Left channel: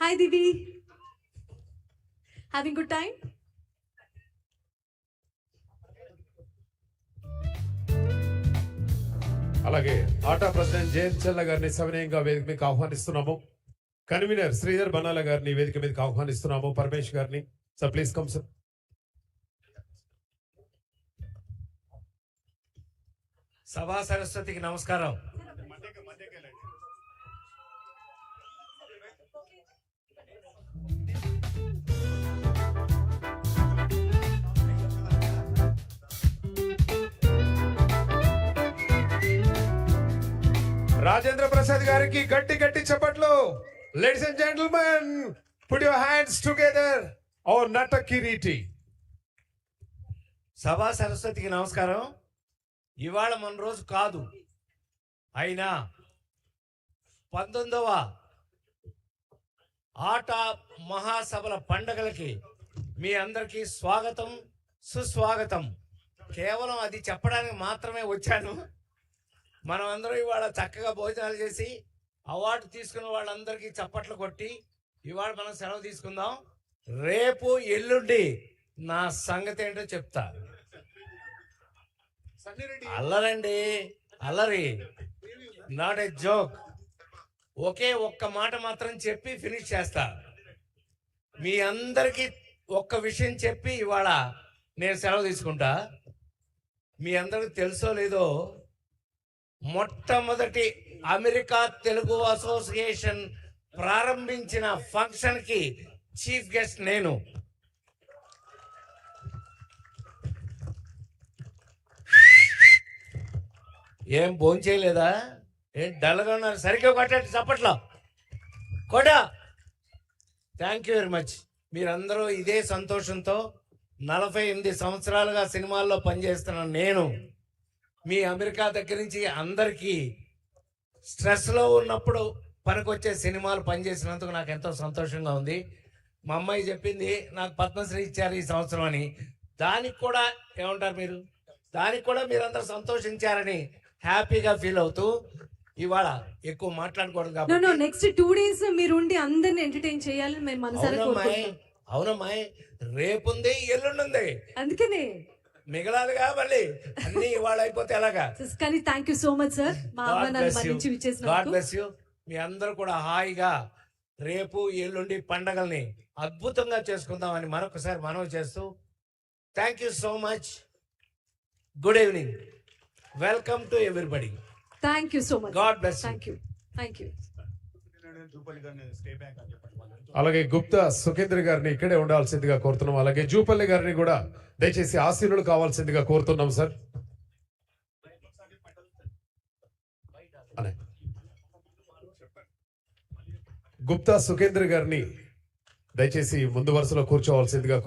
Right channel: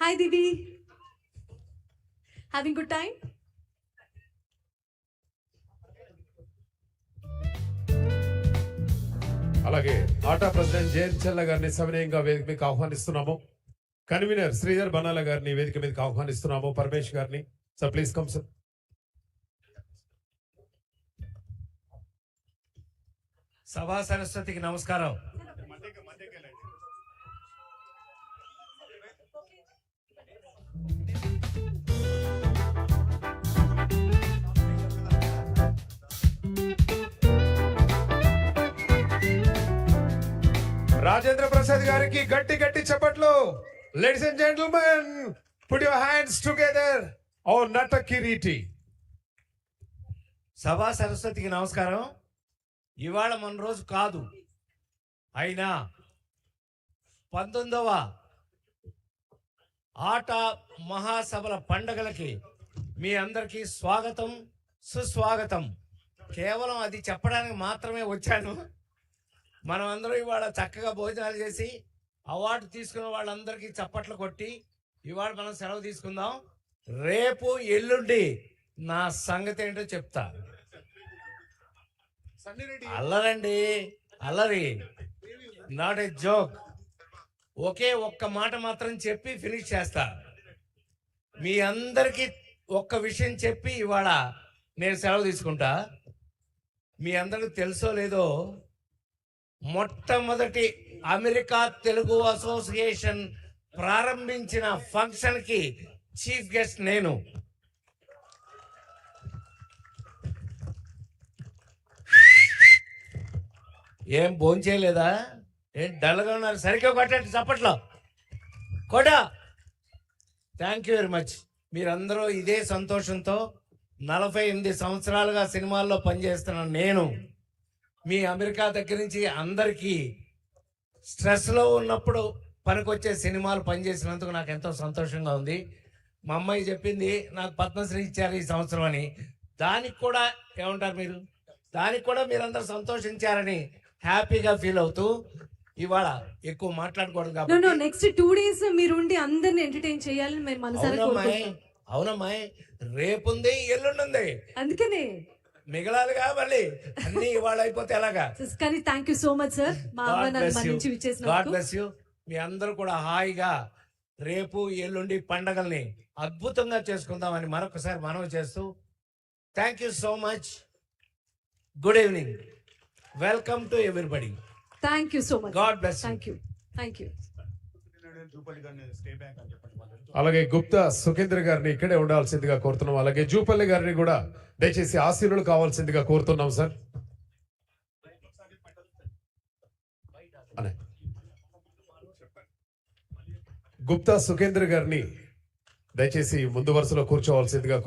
Hi, Divi. Having good time? అలాగే ఆటా president Jayant చెల్ల గారిని సవినయంగా వేదిక మీదకి ఆహ్వానిస్తున్నాము. కన్వీనర్ శ్రీధర్ బనాల గారిని వేదిక మీదకి ఆహ్వానిస్తున్నాము. పరమేష్ గారిని సార్ ప్లీజ్ కమ్ సార్. సభా సరస్వతికి నమస్కారం. రాజేంద్ర ప్రసాద్ గారికి గట్టి గట్టి చప్పట్లు. Ladies and gentlemen, put your hands together. ఓ నట కిరీటి. సభా సరస్వతికి నమస్కారం. ఇవాళ మన రోజు కాదు, అయినా 19వ ఆట మహాసభల పండగలకి మీ అందరికీ స్వాగతం, సుస్వాగతం. కేవలం అది చెప్పడానికి మాత్రమే వచ్చాను. మనం అందరం ఇవాళ చక్కగా భోజనాలు చేసి అవార్డు తీసుకున్న వాళ్ళందరికీ చప్పట్లు కొట్టి ఇవాళ మనం సెలవు తీసుకుందాం. రేపు ఎల్లుండి నా సంగతి ఏంటో చెప్తా. అల్లరండి, అల్లరి, నాట్ ఏ జోక్. ఒకే ఒక్క మాట మాత్రం చెప్పి ఫినిష్ చేస్తా. మీ అందరికీ ఒక్క విషయం చెప్పి ఇవాళ నేను సెలవు తీసుకుంటా. మీ అందరికి తెలుసో లేదో, మొట్టమొదటి అమెరికా తెలుగు అసోసియేషన్ ప్రారంభించిన ఫంక్షన్కి చీఫ్ గెస్ట్ నేను. ఏం భోంచేయలేదా? ఏం డల్గా ఉన్నారు? సరిగ్గా కొట్టండి చప్పట్లో, కొట. Thank you very much. మీరందరూ ఇదే సంతోషంతో 48 సంవత్సరాలుగా సినిమాల్లో పనిచేస్తున్న నేను మీ అమెరికా దగ్గర నుంచి అందరికీ స్ట్రెస్లో ఉన్నప్పుడు పనికొచ్చే సినిమాలు పనిచేసినందుకు నాకు ఎంతో సంతోషంగా ఉంది. మా అమ్మాయి చెప్పింది నాకు పద్మశ్రీ ఇచ్చారు ఈ సంవత్సరం అని. దానికి కూడా ఏమంటారు మీరు, దానికి కూడా మీరందరూ సంతోషించారని హ్యాపీగా ఫీల్ అవుతూ ఇవాళ ఎక్కువ మాట్లాడకూడదు కాబట్టి నెక్స్ట్ 2 days మీరు ఉండి అందరిని ఎంటర్టైన్ చేయాలని మేము మనసారా కోరుకుంటున్నాం. అవునమ్మాయి, రేపుంది, ఎల్లుండి, అందుకనే మిగలాలిగా మళ్ళీ అన్ని ఇవాళ అయిపోతే ఎలాగా. కానీ thank you so much sir, మా ఆహ్వానాన్ని మన్నించి గాడ్ విచ్చేసినందుకు. Bless you. మీ అందరూ కూడా హాయిగా రేపు ఎల్లుండి పండగల్ని అద్భుతంగా చేసుకుందామని మరొకసారి మనవి చేస్తూ thank you so much. Good evening. Welcome to everybody. Thank you so much. God bless. Thank you, thank you. అలాగే గుప్తా సుఖేంద్ర గారిని ఇక్కడే ఉండాల్సిందిగా కోరుతున్నాం. అలాగే జూపల్లి గారిని కూడా దయచేసి ఆశీనులు కావాల్సిందిగా కోరుతున్నాం సార్. గుప్తా సుఖేంద్ర గారిని దయచేసి ముందు వరుసలో కూర్చోవాల్సిందిగా